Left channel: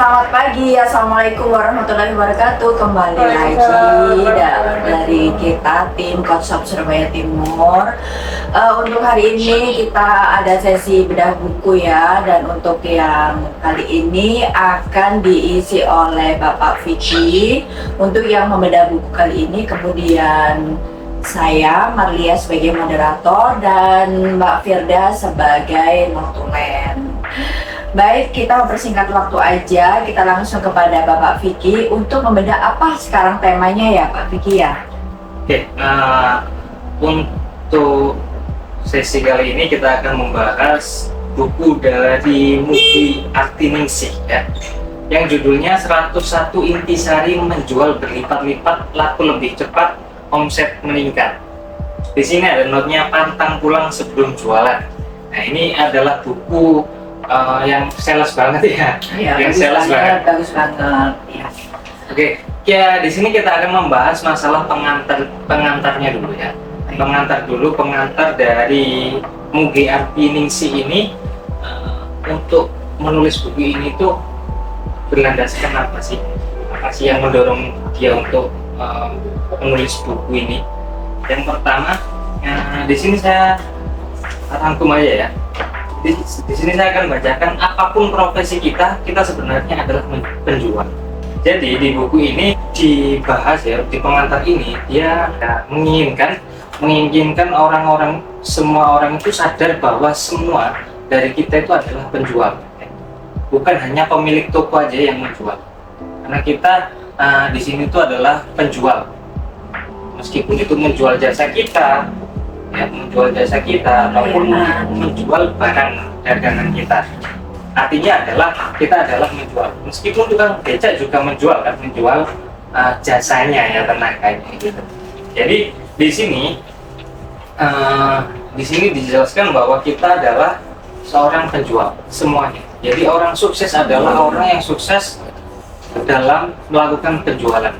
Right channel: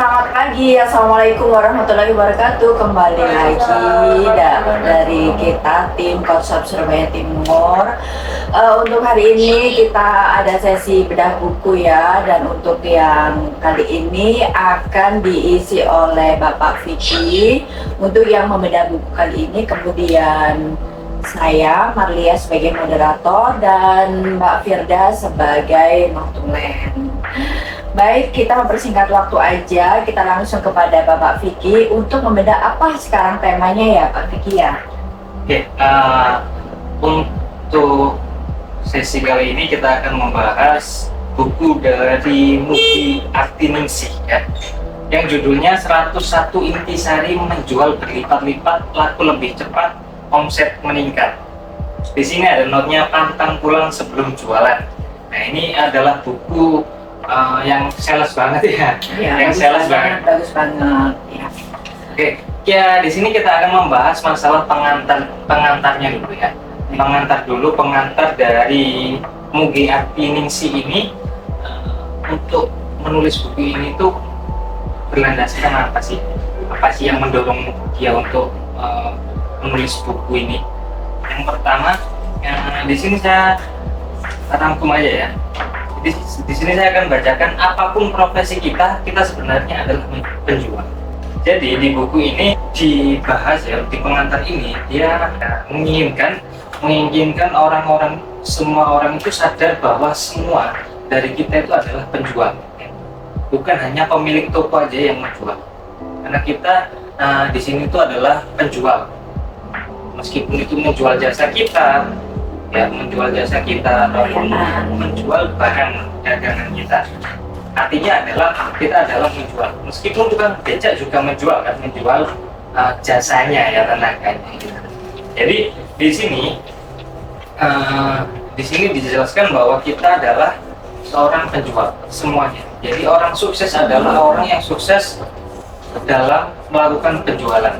Selamat pagi, Assalamualaikum warahmatullahi wabarakatuh. Kembali lagi dari kita tim Coach Shop Surabaya Timur. Untuk hari ini kita ada sesi bedah buku ya, dan untuk yang kali ini akan diisi oleh Bapak Vicky untuk yang membedah buku kali ini. Kemudian saya Marlia sebagai moderator dan Mbak Firda sebagai notulen. Baik, kita mempersingkat waktu aja, kita langsung kepada Bapak Vicky untuk membedah apa sekarang temanya ya Pak Vicky ya? Oke, untuk sesi kali ini kita akan membahas buku dari Mugi Artiningsih ya, yang judulnya 101 Intisari Menjual Berlipat-lipat Laku Lebih Cepat, Omset Meningkat. Di sini ada notnya pantang pulang sebelum jualan. Nah, ini adalah buku yang sales banget ya, yang sales banget, bagus banget ya. Oke, ya di sini kita akan membahas masalah pengantarnya dulu ya. Pengantar dari Mugi Artiningsih ini. Untuk menulis buku ini tuh berlandaskan apa sih yang mendorong dia untuk menulis buku ini? Yang pertama, di sini saya rangkum aja ya. Di sini saya akan bacakan, apapun profesi kita sebenarnya adalah penjual. Jadi di buku ini dibahas ya, di pengantar ini dia menginginkan semua orang itu sadar bahwa semua dari kita itu adalah penjual. Bukan hanya pemilik toko aja yang menjual. Karena kita di sini itu adalah penjual. Meskipun itu menjual jasa kita, ataupun menjual barang dagangan kita. Artinya kita adalah menjual. Meskipun tukang becak juga menjual jasanya ya, tenaganya gitu. Jadi di sini dijelaskan bahwa kita adalah seorang penjual semuanya. Jadi orang sukses adalah orang yang sukses dalam melakukan penjualan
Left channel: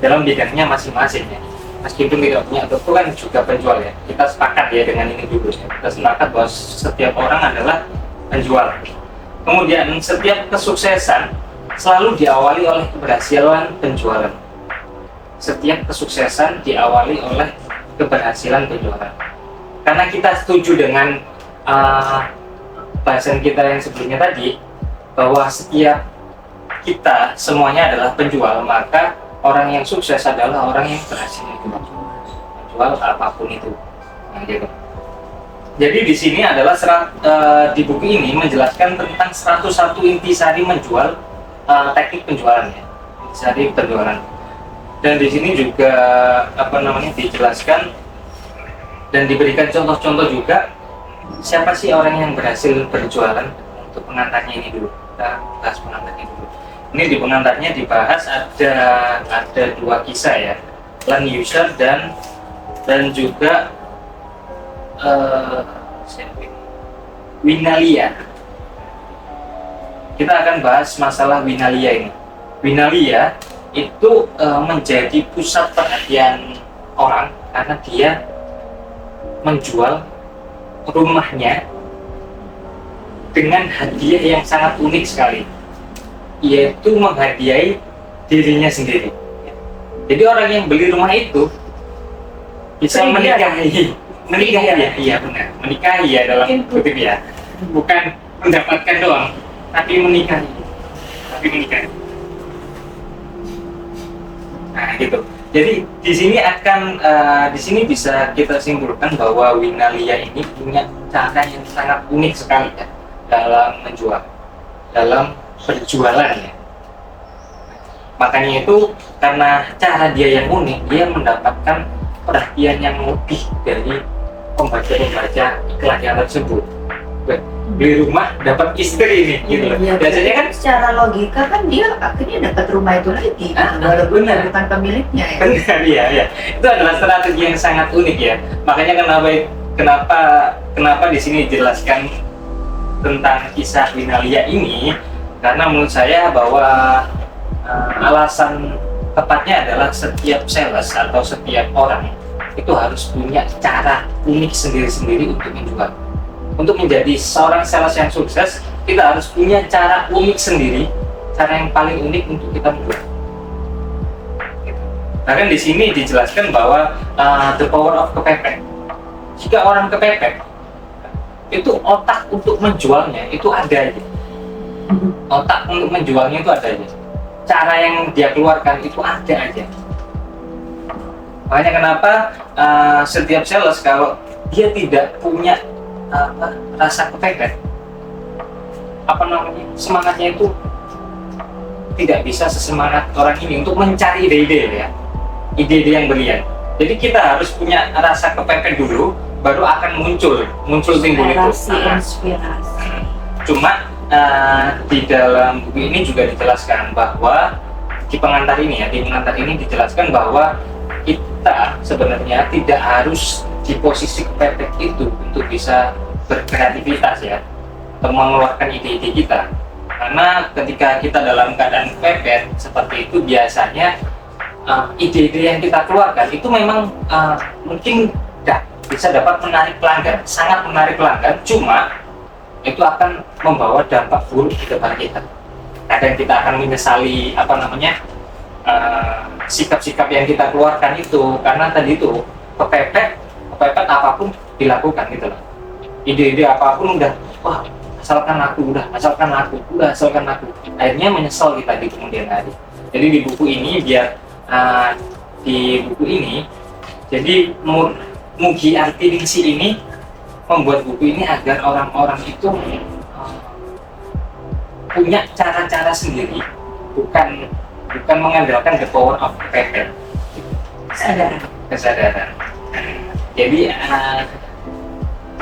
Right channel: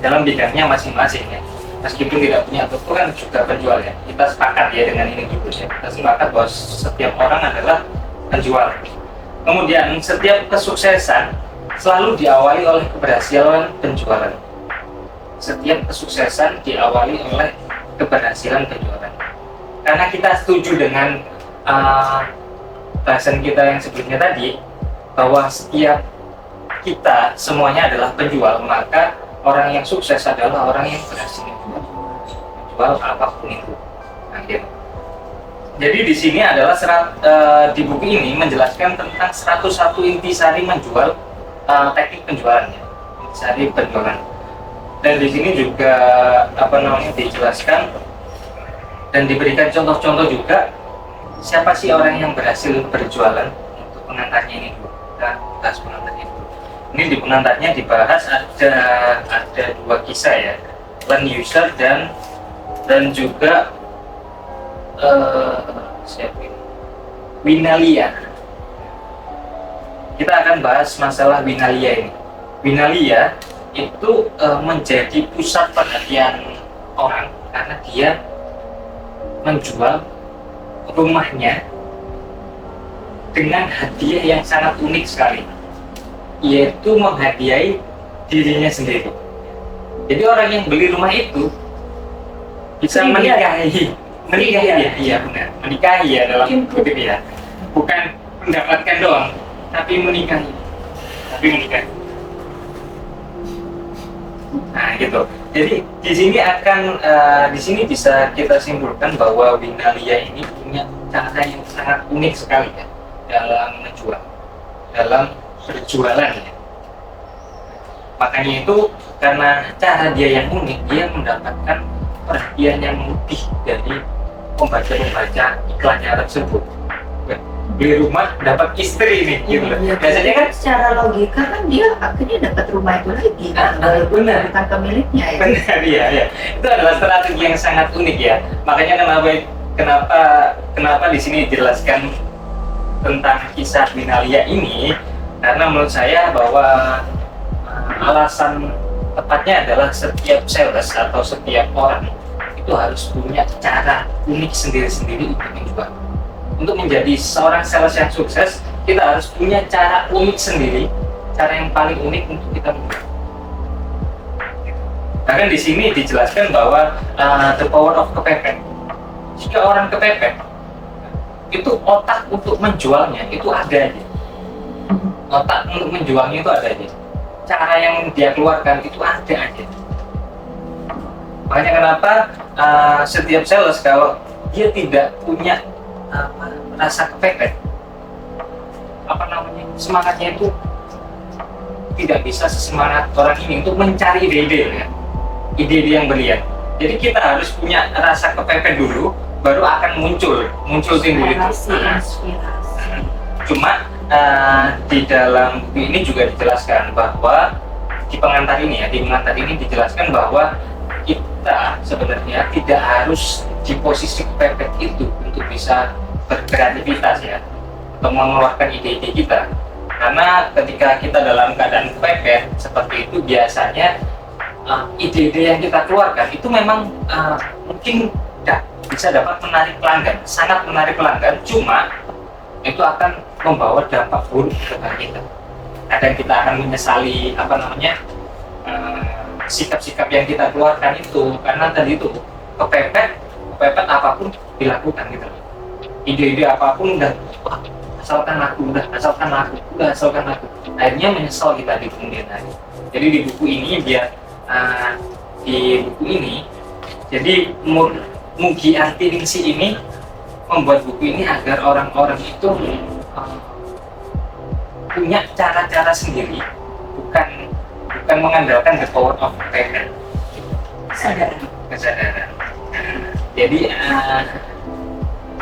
dalam bidangnya masing-masing ya. Meskipun tidak punya toko kan juga penjual ya. Kita sepakat ya dengan ini dulu ya. Kita sepakat bahwa setiap orang adalah penjual. Kemudian setiap kesuksesan selalu diawali oleh keberhasilan penjualan. Setiap kesuksesan diawali oleh keberhasilan penjualan. Karena kita setuju dengan bahasan kita yang sebelumnya tadi, bahwa setiap kita semuanya adalah penjual, maka orang yang sukses adalah orang yang berhasil menjual apapun itu. Nah, gitu. Jadi di sini adalah di buku ini menjelaskan tentang 101 intisari menjual, teknik penjualannya, intisari penjualan. Dan di sini juga dijelaskan dan diberikan contoh-contoh juga siapa sih orang yang berhasil berjualan. Untuk pengantarnya ini dulu, kita bahas pengantarnya dulu. Ini di pengantarnya dibahas ada dua kisah ya, Len User dan juga Winalia. Kita akan bahas masalah Winalia ini. Winalia itu menjadi pusat perhatian orang karena dia menjual rumahnya dengan hadiah yang sangat unik sekali, yaitu menghadiahi dirinya sendiri. Jadi orang yang beli rumah itu bisa menikahi ya, iya benar, menikahi ya dalam kutip ya, bukan mendapatkan doang, tapi menikahi. Nah gitu. Jadi di sini bisa kita simpulkan bahwa Winalia ini punya cara yang sangat unik sekali ya dalam menjual, dalam berjualan ya. Makanya itu karena cara dia yang unik, dia mendapatkan perhatian yang lebih dari pembaca iklannya tersebut. Beli rumah dapat istri nih, gitu loh. Biasanya kan secara logika kan dia akhirnya dapat rumah itu lagi kan, walaupun bukan pemiliknya ya. Benar ya. Itu adalah strategi yang sangat unik ya. Makanya kenapa di sini dijelaskan tentang kisah Winalia ini, karena menurut saya bahwa alasan tepatnya adalah setiap sales atau setiap orang itu harus punya cara unik sendiri-sendiri untuk menjual. Untuk menjadi seorang sales yang sukses, kita harus punya cara unik sendiri cara yang paling unik untuk kita menjual. Gitu. Bahkan di sini dijelaskan bahwa the power of kepepet. Jika orang kepepet, itu otak untuk menjualnya itu ada aja. Otak untuk menjualnya itu ada aja. Cara yang dia keluarkan itu ada aja. Makanya kenapa setiap sales kalau dia tidak punya rasa kepepet, semangatnya itu tidak bisa sesemangat orang ini untuk mencari ide-ide ya, ide-ide yang brilian. Jadi kita harus punya rasa kepepet dulu, baru akan muncul timbul itu. Inspirasi. Cuma di dalam buku ini juga dijelaskan bahwa di pengantar ini dijelaskan bahwa kita sebenarnya tidak harus di posisi kepepet itu untuk bisa berkreativitas ya, atau mengeluarkan ide-ide kita. Karena ketika kita dalam keadaan kepepet seperti itu, biasanya ide-ide yang kita keluarkan itu memang mungkin bisa dapat menarik pelanggan, sangat menarik pelanggan, cuma itu akan membawa dampak buruk ke depan kita. Kadang kita akan menyesali sikap-sikap yang kita keluarkan itu, karena tadi itu kepepet apapun dilakukan gitu loh. Ide-ide apapun udah, wah asalkan aku. Akhirnya menyesal kita di kemudian hari. Jadi di buku ini jadi Mugi Antiningsih ini membuat buku ini agar orang-orang itu punya cara-cara sendiri, bukan mengandalkan the power of kepepet, kesadaran. Jadi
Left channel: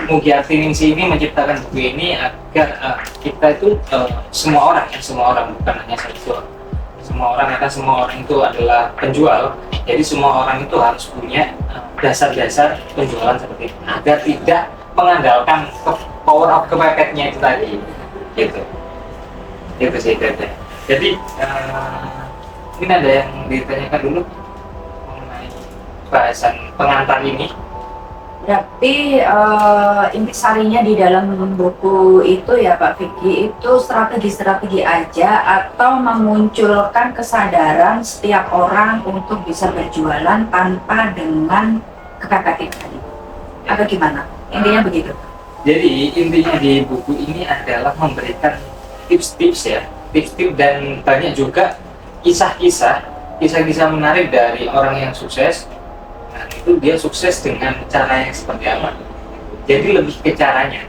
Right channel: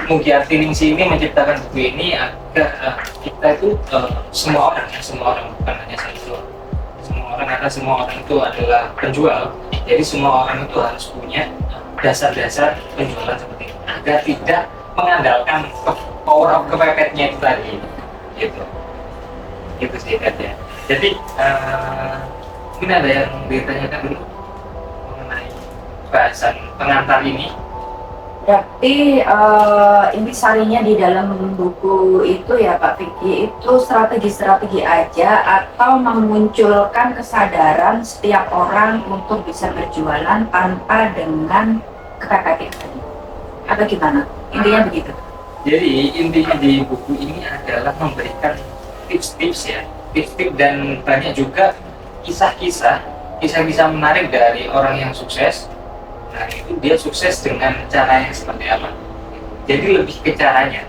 Mugi Antiningsih ini menciptakan buku ini agar kita itu semua orang bukan hanya satu orang. Semua orang itu adalah penjual. Jadi semua orang itu harus punya dasar-dasar penjualan seperti itu agar tidak mengandalkan power of kepepetnya itu tadi. Gitu sih katanya. Jadi mungkin ada yang ditanyakan dulu mengenai bahasan pengantar ini. Berarti intisarinya di dalam buku itu ya Pak Vicky, itu strategi-strategi aja atau memunculkan kesadaran setiap orang untuk bisa berjualan tanpa dengan kepepet itu tadi, apa gimana? Intinya begitu. Jadi intinya di buku ini adalah memberikan tips-tips dan banyak juga kisah-kisah menarik dari orang yang sukses. Nah itu dia sukses dengan cara yang seperti apa? Jadi lebih ke caranya,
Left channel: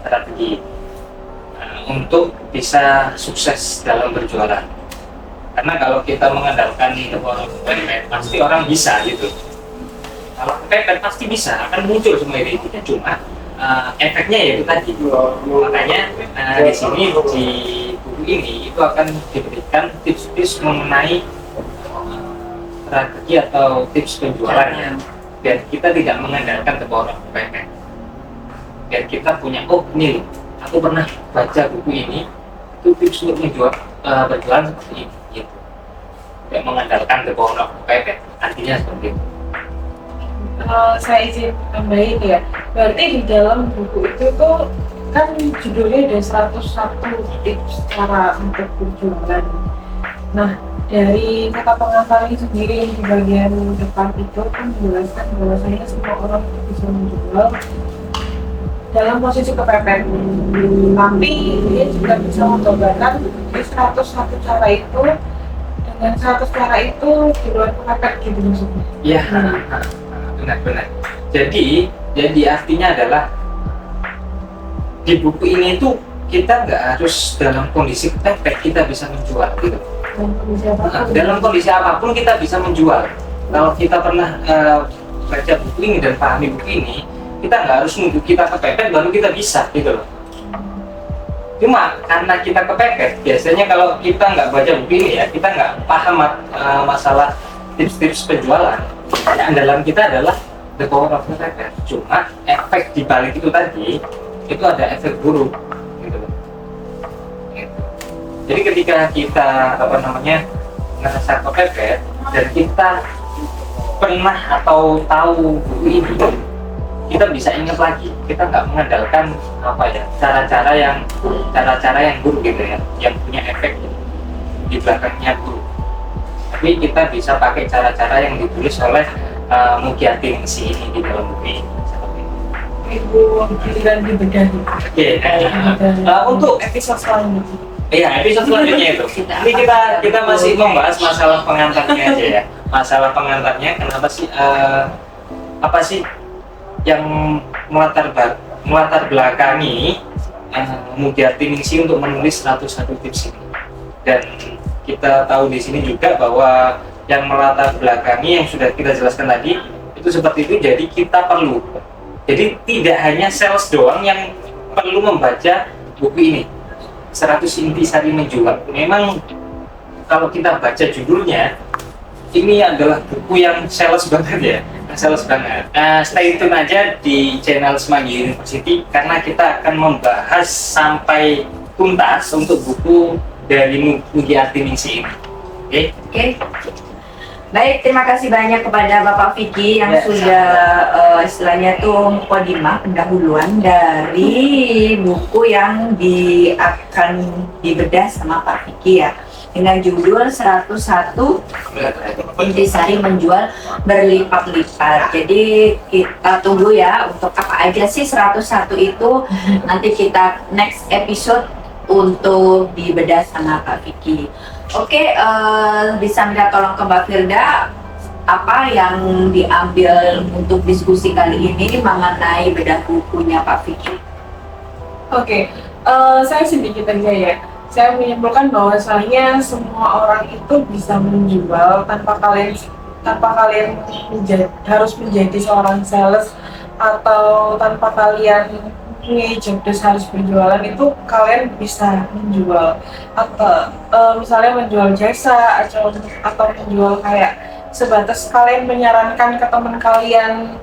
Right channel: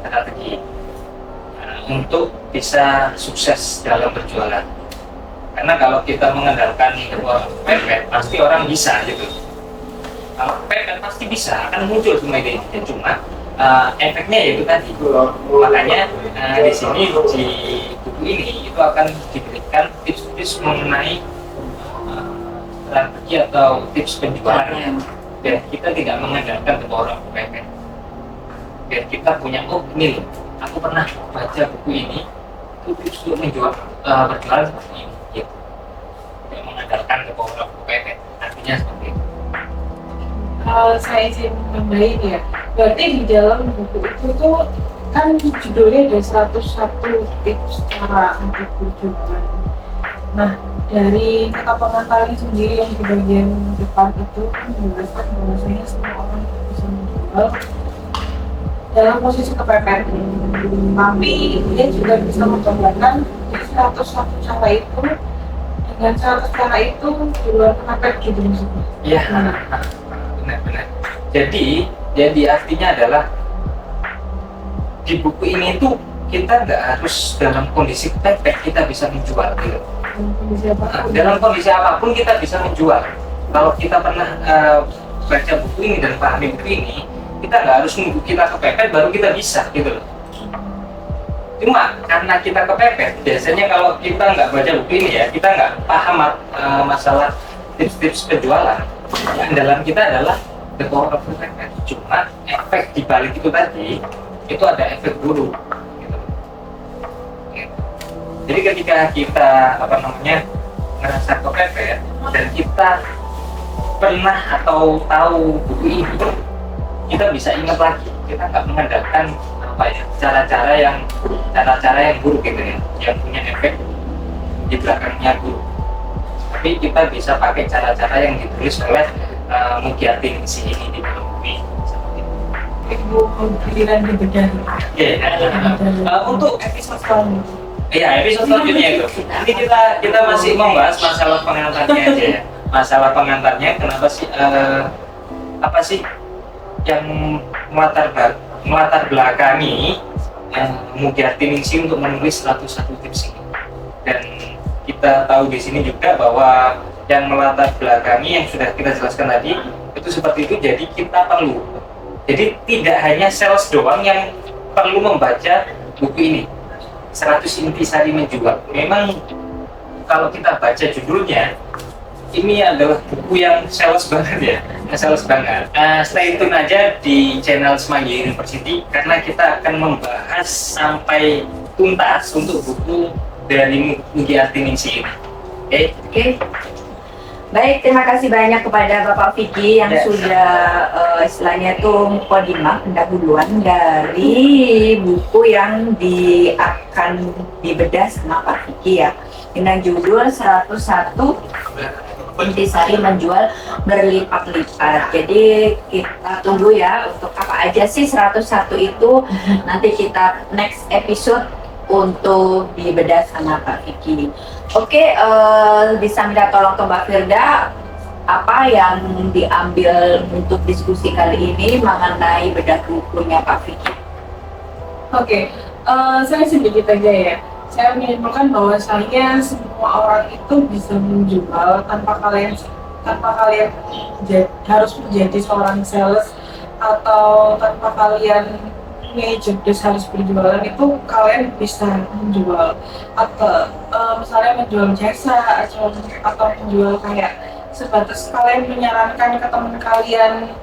strategi untuk bisa sukses dalam berjualan. Karena kalau kita mengandalkan kepepet, pasti orang bisa gitu. Kalau kepepet pasti bisa, akan muncul semua ide-idenya, cuma efeknya yaitu tadi. Makanya di sini di buku ini itu akan diberikan tips-tips mengenai strategi atau tips penjualannya, biar kita tidak mengandalkan ke orang kepepet. Biar kita punya, oh ini loh, aku pernah baca buku ini, itu tips untuk berjualan seperti ini, gitu. Tidak mengandalkan ke orang kepepet, artinya seperti itu. Saya izin tambahin ya, berarti di dalam buku itu tuh kan judulnya ada 101 tips cara untuk berjualan. Nah dari kata pengantarnya sendiri yang di bagian depan itu kan menjelaskan bahwasanya semua orang bisa menjual dalam posisi kepepet, tapi dia juga bisa mencobakan di 101 cara itu dengan 100 cara itu di luar kepepet gitu maksudnya. Iya. Benar. Jadi artinya adalah di buku ini tuh kita nggak harus dalam kondisi kepepet kita bisa menjual gitu. Dalam kondisi apapun kita bisa menjual. Kalau kita pernah baca buku ini dan pahami buku ini, kita nggak harus nunggu kita kepepet baru kita bisa gitu loh. Cuma karena kita kepepet, biasanya kalau kita nggak baca buku ini ya, kita nggak paham masalah tips-tips penjualan. Ya, andalan kita adalah the power of kepepet. Cuma efek di balik itu tadi, itu ada efek buruk gitu loh. Gitu. Jadi ketika kita ngerasa kepepet dan kita pernah atau tahu buku ini, kita bisa ingat lagi, kita nggak mengandalkan cara-cara yang buruk gitu ya, yang punya efek di belakangnya buruk. Tapi kita bisa pakai cara-cara yang ditulis oleh Mugyati Ningsih ini di dalam buku ini, seperti itu. Ibu giliran dibedah. Oke, untuk Episode selanjutnya. iya episode selanjutnya itu. Ini kita masih membahas masalah pengantarnya aja ya. Masalah pengantarnya, kenapa sih apa sih yang melatar belakangi Mugyati Ningsih untuk menulis 101 tips ini. Dan kita tahu di sini juga bahwa yang melatar belakangi yang sudah kita jelaskan tadi itu seperti itu. Jadi kita perlu, jadi tidak hanya sales doang yang perlu membaca buku ini 100 Intisari Menjual. Memang kalau kita baca judulnya, ini adalah buku yang sales banget ya, sales banget. Stay tune aja di channel Semanggi University karena kita akan membahas sampai tuntas untuk buku dari Mugyati Ningsih ini. Oke. Baik, terima kasih banyak kepada Bapak Vicky yang Ya, sudah istilahnya tuh mukadimah, pendahuluan dari buku yang akan dibedah sama Pak Vicky ya, dengan judul 101 Intisari Menjual Berlipat-lipat. Jadi kita tunggu ya untuk apa aja sih 101 itu, nanti kita next episode untuk dibedah sama Pak Vicky. Oke, bisa minta tolong ke Mbak Firda apa yang diambil untuk diskusi kali ini mengenai bedah bukunya Pak Vicky? Oke, saya sedikit aja ya. Saya menyimpulkan bahwasanya semua orang itu bisa menjual tanpa kalian harus menjadi seorang sales, atau tanpa kalian jobdesk harus berjualan. Itu kalian bisa menjual, atau misalnya menjual jasa atau menjual kayak sebatas kalian menyarankan ke teman kalian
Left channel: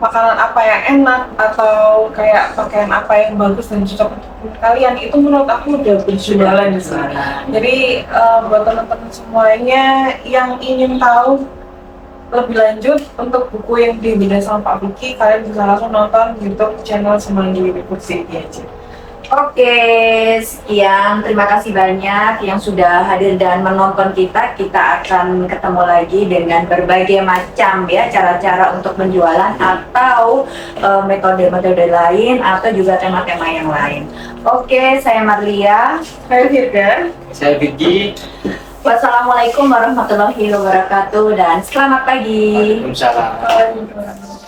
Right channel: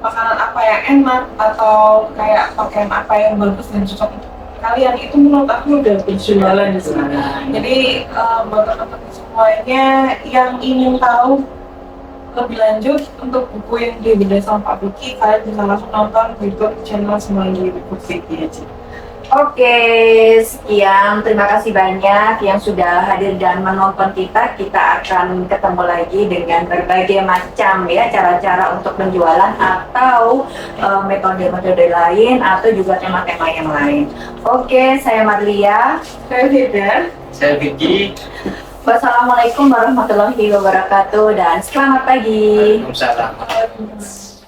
makanan apa yang enak atau kayak pakaian apa yang bagus dan cocok untuk teman kalian. Itu menurut aku udah berjualan di sana. Jadi buat teman-teman semuanya yang ingin tahu lebih lanjut untuk buku yang dibedah sama Pak Vicky, kalian bisa langsung nonton YouTube channel Semanggi University aja. Oke, sekian. Terima kasih banyak yang sudah hadir dan menonton kita. Kita akan ketemu lagi dengan berbagai macam ya cara-cara untuk penjualan atau metode-metode lain atau juga tema-tema yang lain. Oke, saya Marlia. Saya Firda. Saya Vicky. Wassalamualaikum warahmatullahi wabarakatuh dan selamat pagi. Waalaikumsalam. Waalaikumsalam.